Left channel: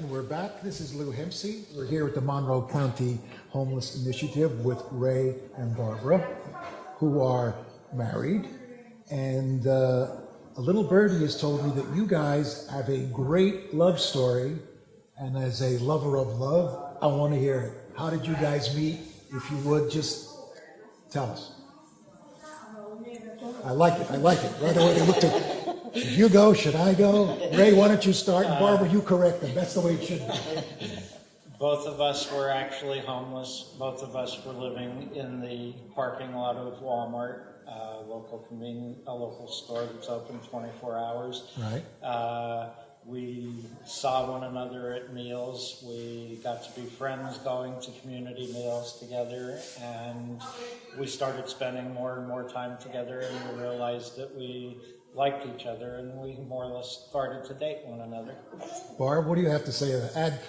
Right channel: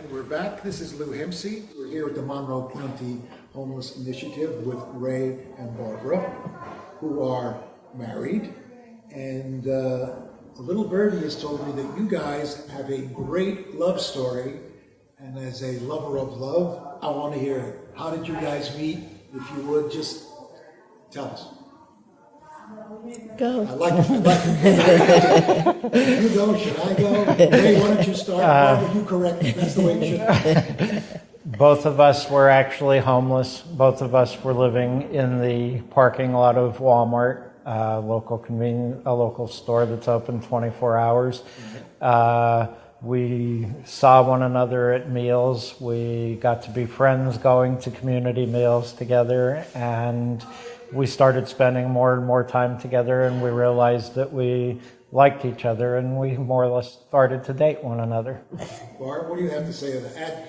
And we're back. This is Lou Hempsey. We're here at the Monroe County Homeless Initiative with Ray and Barbara, who are married. And a little birdie has told me that you guys have a great love story. And as a lover of love, I want to hear it. How did you guys meet? If you would, just tell us. Go. I like it. You go, should I go? Ray, why don't you start? Barbara, you correct me. That's the way it should be. Both of us were actually homeless. Both of us were living in the parking lot of Walmart, a local store that's open 24 hours. Right. We saw one another at meals. We got to be friends going to community meals together, and we started spending more and more time together, and we realized that we liked each other, and we more or less started to date one another. Barb, what do you have to say?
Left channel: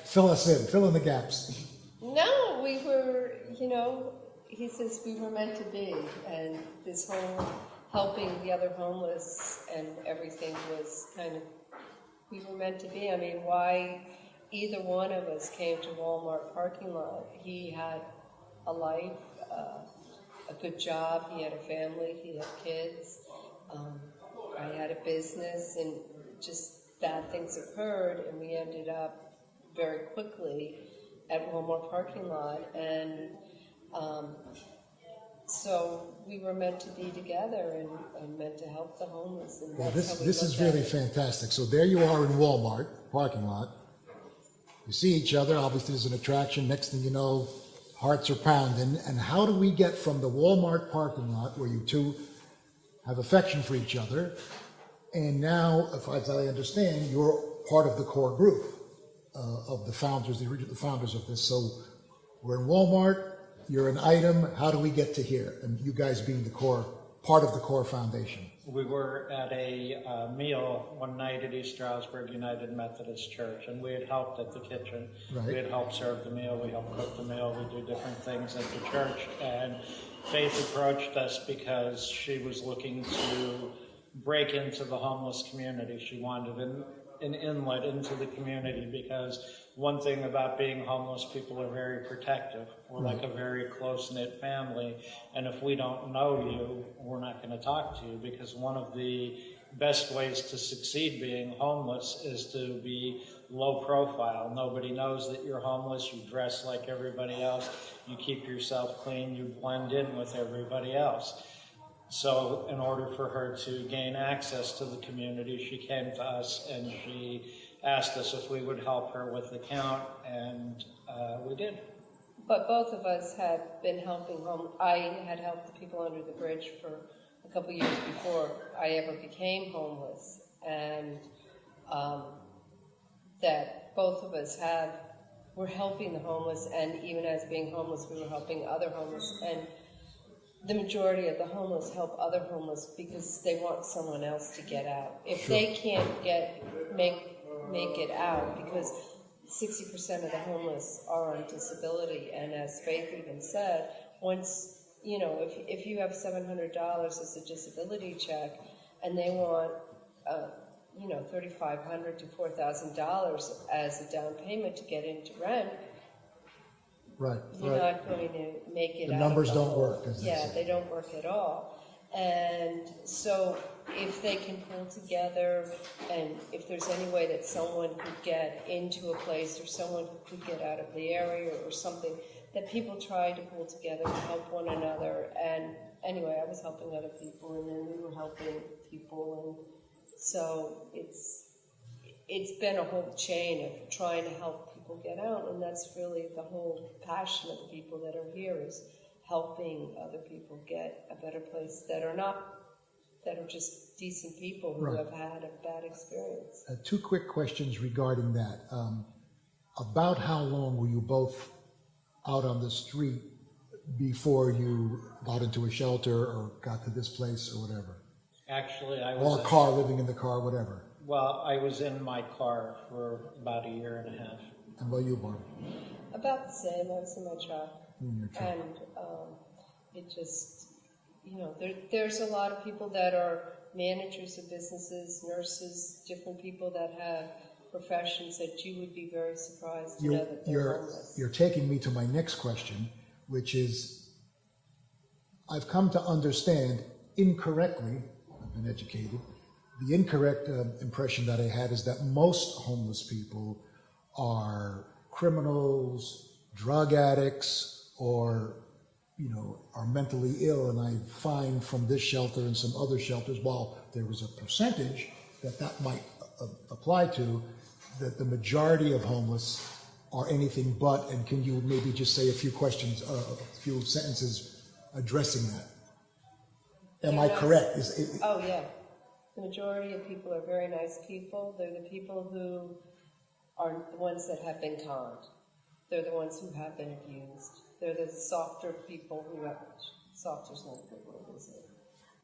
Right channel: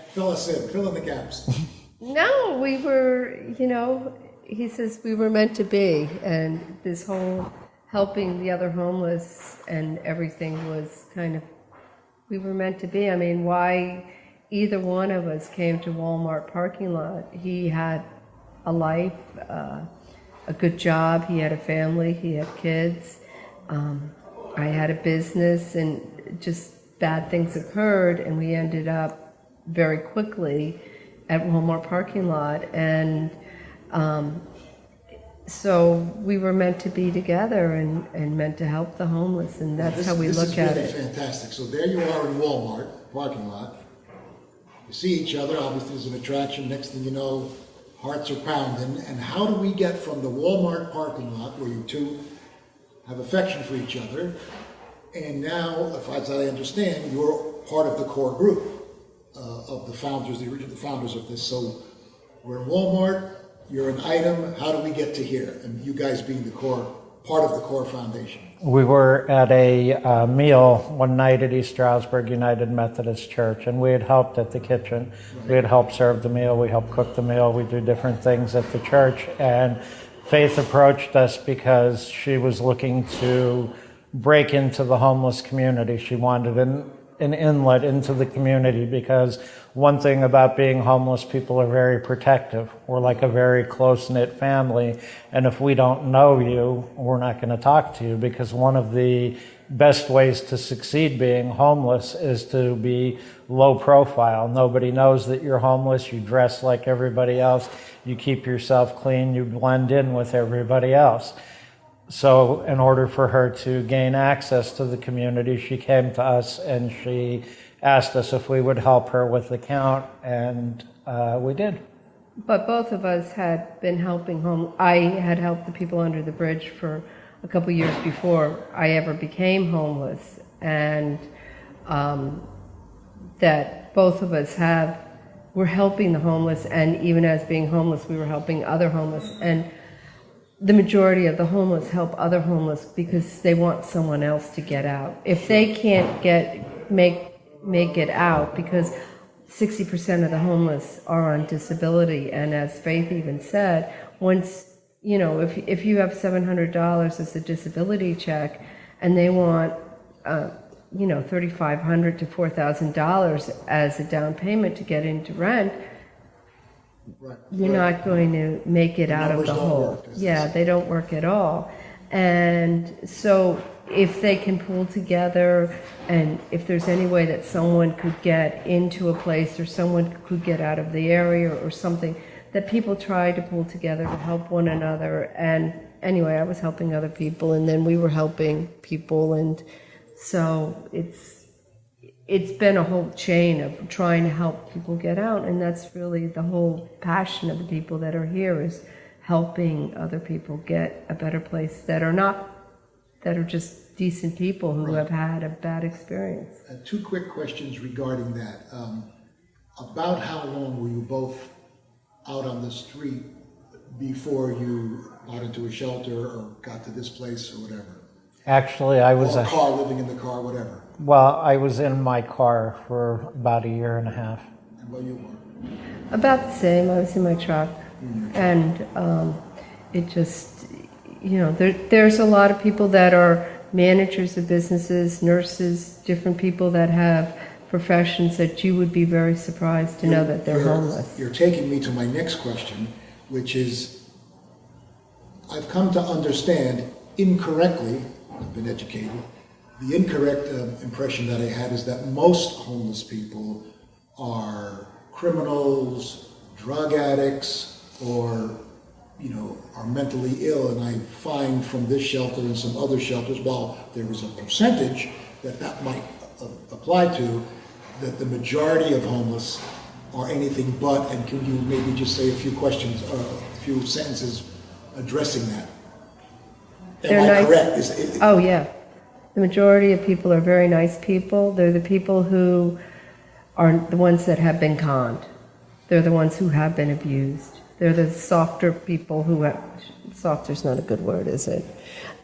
Fill us in, fill in the gaps. No, we were, he says we were meant to be, and this whole helping the other homeless and everything was kind of, we were meant to be. I mean, why either one of us came to Walmart parking lot? He had a life, a good job, he had a family, he had kids. I had a business, and just bad things occurred, and we ended up very quickly at Walmart parking lot. And so we were meant to be together and meant to help the homeless, and that's how we look at it. This is really fantastic. So there you are in Walmart parking lot. You see each other, obviously there's an attraction. Next thing you know, hearts are pounding. And how do we get from the Walmart parking lot, where you two have affection for each other, and now, as I understand, you're part of the core group of the founders, the original founders of this. So we're in Walmart, you're an item. How do we get to here? And you guys being the core, part of the core foundation. We were at a meal one night at East Stroudsburg United Methodist Church, and we had helped at the kitchen. Right. We had helped serve the meal, we helped cook the meal, we do different things at the church. And Faith approached us because she was looking to break into the homeless community. She wanted an inlet into the community, because one thing about being homeless, people are very protective. We're like a very close-knit family, and if we don't know you, we're not going to talk to you, because one of the best ways to succeed being homeless is to be low profile. Nobody knows that you're homeless. You dress like everybody else. You keep yourself clean. You blend in with everybody else. So in order for her to gain access to the community, she came to us and she asked us if we would help her with the count, and we did. But both of us had been helping I had helped the people under the bridge for a couple years before I ever became homeless, and that both of us were helping the homeless, and even as being homeless, we were helping other homeless. And the majority of the homeless help other homeless because they want someone else to get out. If they can't make it out, because 60% of the homeless are on disability, and as Faith even said, once, if you have $700 as a disability check, and they want, $3,500 to $4,000 as a down payment to get into rent, right, you're not going to make it out of the hole. Yeah, they don't work at all. And so if they can pull together, and if there's any way that someone could get into a place, or someone could get out of the area or something, that people try to pull together to help one another. And anyway, I was helping other people, and then we were helping people, and so it's been a whole chain of trying to help people get out, and that's really the whole passion of the people that are here, is helping other people get a better place that are just decent people who have had a bad experience. Two quick questions regarding that. About how long were you both out on the street before you got into a shelter or got to this place or whatever? Actually, I was or a car, living in the car, whatever. Well, I was in my car for about a year and a half. And what you were? About the same. I was in my truck. And it just, there's a lot of people that are managers of businesses, nurses, different people that have professions that you would be very surprised to know that they're homeless. You're taking me to my next question, which is, I've come to understand incorrectly, I've been educated, the incorrect impression that I had is that most homeless people are criminals, drug addicts, or are mentally ill. And I find from this shelter and some other shelters, while there is a percentage that might apply to, that the majority of homeless are anything but. And can you maybe just say a few sentences addressing that? Am I correct? Oh, yeah. The majority of people are very nice people. They're the people who are the ones that have been conned. They're the ones who have been abused. They're the softer people who have, softer's not a good word, is it?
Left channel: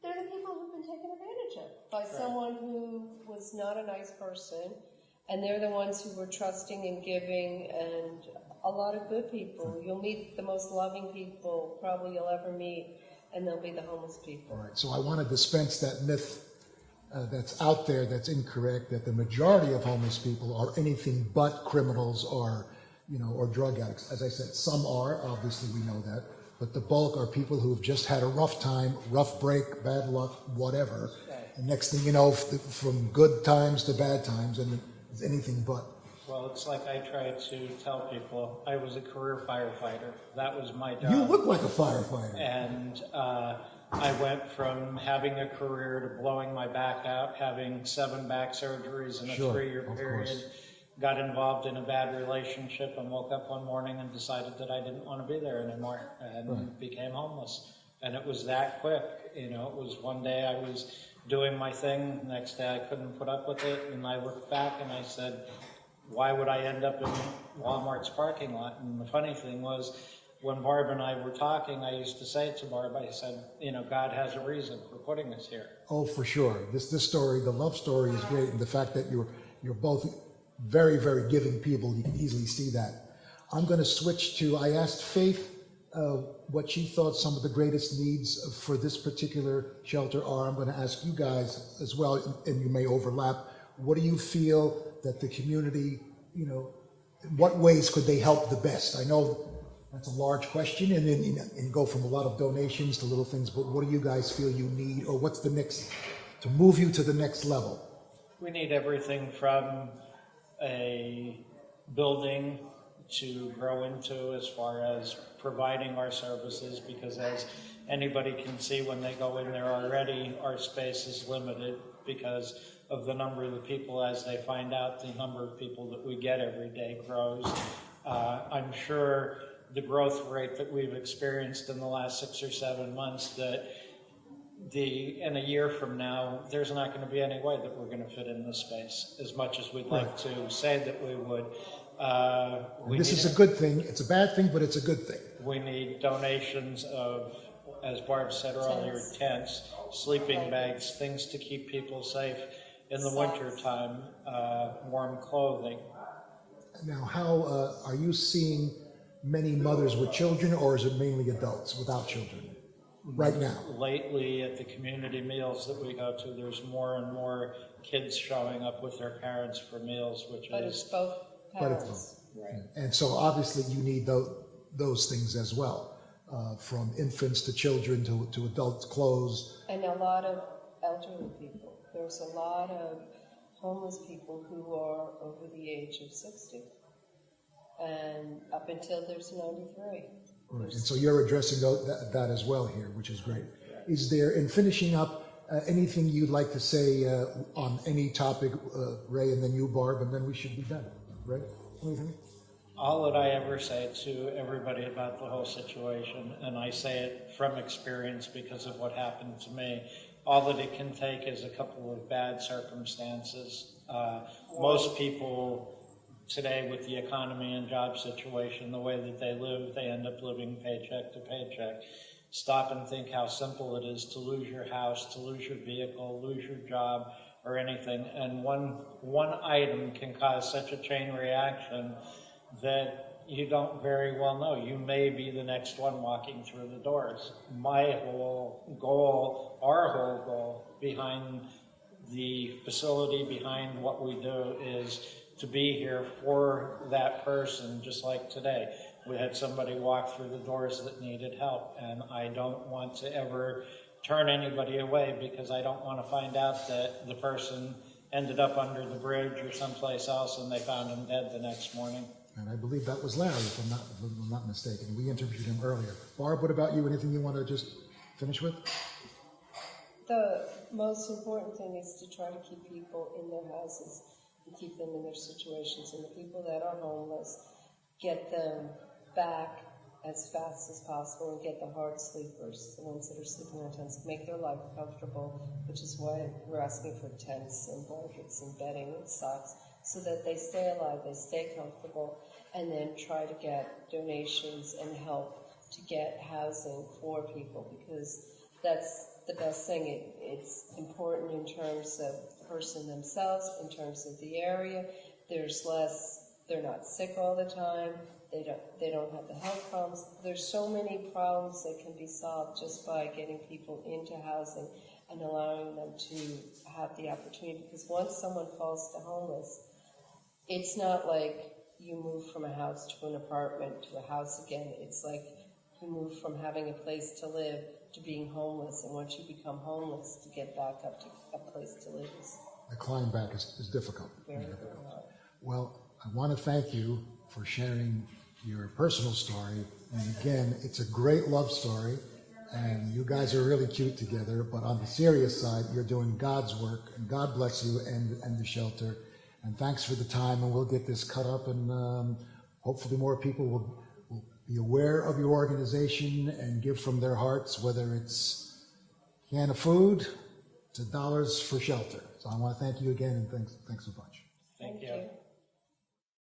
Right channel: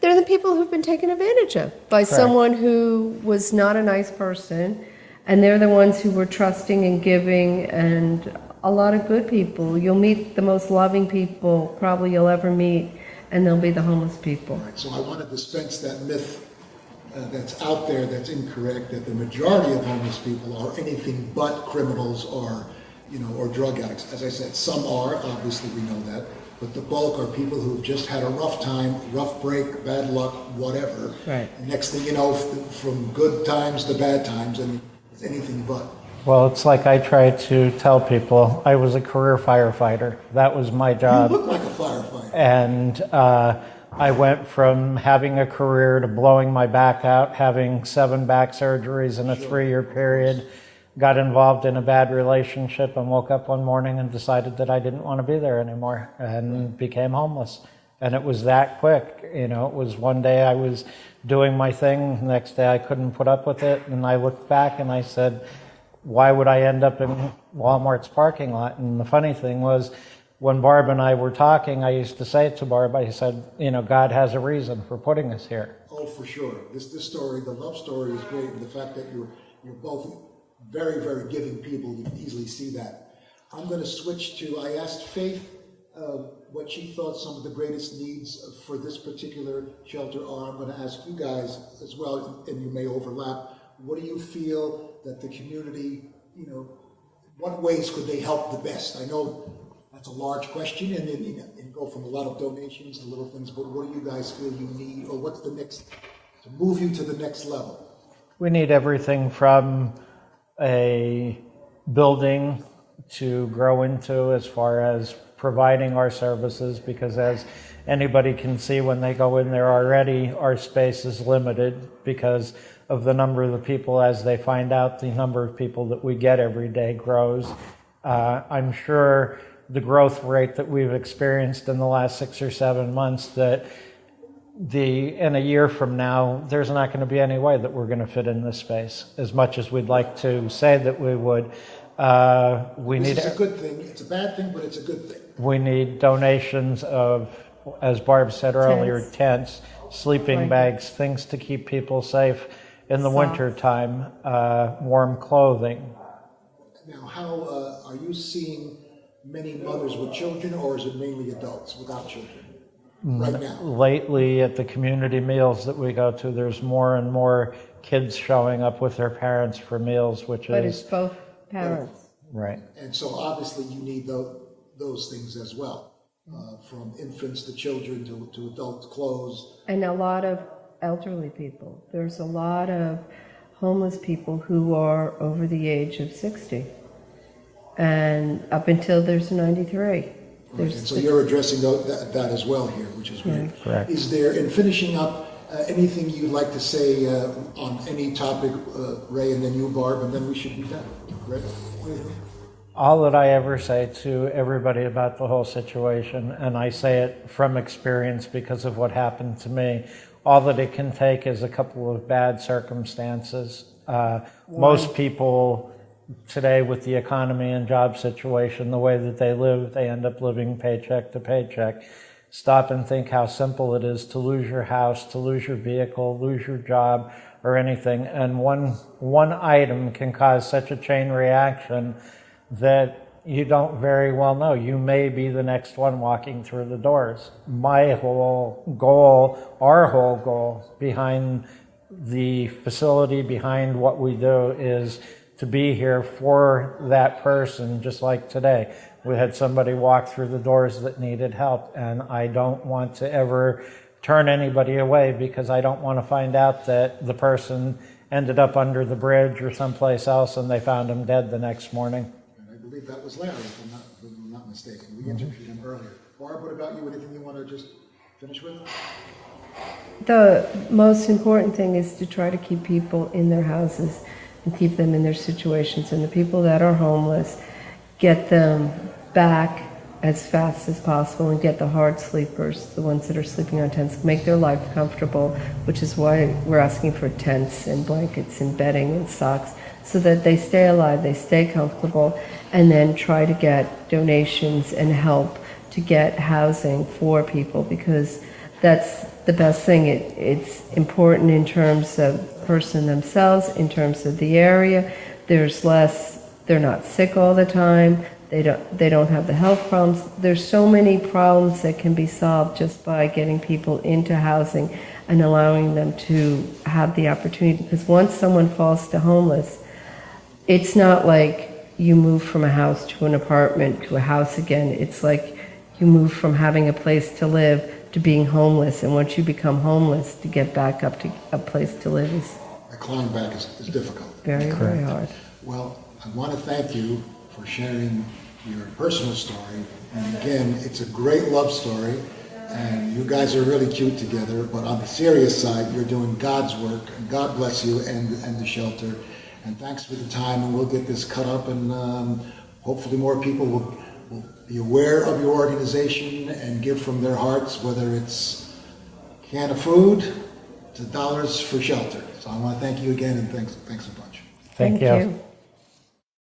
They're the people who've been taken advantage of by someone who was not a nice person, and they're the ones who were trusting and giving, and a lot of good people. You'll meet the most loving people probably you'll ever meet, and they'll be the homeless people. All right, so I want to dispense that myth that's out there that's incorrect, that the majority of homeless people are anything but criminals or drug addicts. As I said, some are, obviously we know that, but the bulk are people who've just had a rough time, rough break, bad luck, whatever. Right. And next thing you know, from good times to bad times, and it's anything but. Well, it's like I try to tell people, I was a career firefighter. That was my job. You look like a firefighter. And I went from having a career to blowing my back out, having 7 back surgeries in a 3-year period, got involved in a bad relationship, and woke up one morning and decided that I didn't want to be there anymore, and became homeless. And it was that quick. It was one day I was doing my thing, the next day I couldn't put up with it, and I looked back and I said, why would I end up in Walmart's parking lot? And the funny thing was, when Barb and I were talking, I used to say to Barb, I said, God has a reason for putting us here. Oh, for sure. This story, the love story, is great, and the fact that you're both very, very giving people, you can easily see that. I'm going to switch to, I asked Faith what she thought some of the greatest needs for this particular shelter are. I'm going to ask you guys as well, and you may overlap. What do you feel that the community, in what ways could they help the best? I know that's a large question, and then go from a lot of donations to little things, but what do you guys feel you need, or what's the next, to move you to the next level? We need everything from a building to grow into, as far as providing our services, because as anybody can see when they go in there already, our space is limited because of the number of the people. As they find out, the number of people that we get every day grows. I'm sure the growth rate that we've experienced in the last 6 or 7 months, that in a year from now, there's not going to be any way that we're going to fit in this space, as much as we'd like to say that we would. This is a good thing. It's a bad thing, but it's a good thing. We need donations of, as Barb said earlier, tents, sleeping bags, things to keep people safe in the winter time, warm clothing. Now, how are you seeing many mothers with children, or is it mainly adults without children right now? Lately, at the community meals that we go to, there's more and more kids showing up with their parents for meals, But it's both parents. Right. And so obviously you need those things as well, from infants to children to adult clothes. And a lot of elderly people. There's a lot of homeless people who are over the age of 60. And up until there's 93. Right. And so you're addressing that as well here, which is great. Yeah. Correct. Is there, in finishing up, anything you'd like to say on any topic, Ray, and then you, Barb, and then we should be done? Ray? All that I ever say to everybody about the whole situation, and I say it from experience because of what happened to me, all that it can take is a couple of bad circumstances. Most people today, with the economy and job situation, the way that they live, they end up living paycheck to paycheck. Stop and think how simple it is to lose your house, to lose your vehicle, lose your job, or anything. And one item can cause such a chain reaction that you don't very well know. You may be the next one walking through the doors. My whole goal, our whole goal behind the facility, behind what we do, is to be here for that person, just like today. We had somebody walk through the doors that needed help, and I don't want to ever turn anybody away because I don't want to find out that the person ended up under the bridge or someplace else and they found him dead the next morning. And I believe that was Larry, if I'm not mistaken. We interviewed him earlier. Barb, what about you? Anything you want to just finish with? The most important thing is to try to keep people in their houses and keep them in their situations. And the people that are homeless, get them back as fast as possible and get the hard sleepers, the ones that are sleeping on tents, make their life comfortable, which is why we're asking for tents and blankets and bedding and socks, so that they stay alive, they stay comfortable, and then try to get donations and help to get housing for people, because that's the best thing. It's important in terms of the person themselves, in terms of the area. There's less, they're not sick all the time. They don't have the health problems. There's so many problems that can be solved just by getting people into housing and allowing them to have the opportunity. Because once someone falls to homeless, it's not like you move from a house to an apartment to a house again. It's like you move from having a place to live to being homeless. And once you become homeless, to get back up to a place to live is The climb back is difficult. very, very hard. Well, I want to thank you for sharing your personal story. And again, it's a great love story, and you guys are really cute together. But on the serious side, you're doing God's work, and God bless you and the shelter. And thanks for the time, and we'll get this cut up, and hopefully more people will be aware of your organization and give from their hearts, whether it's a can of food to dollars for shelter. So I want to thank you again, and thanks a bunch. Thank you.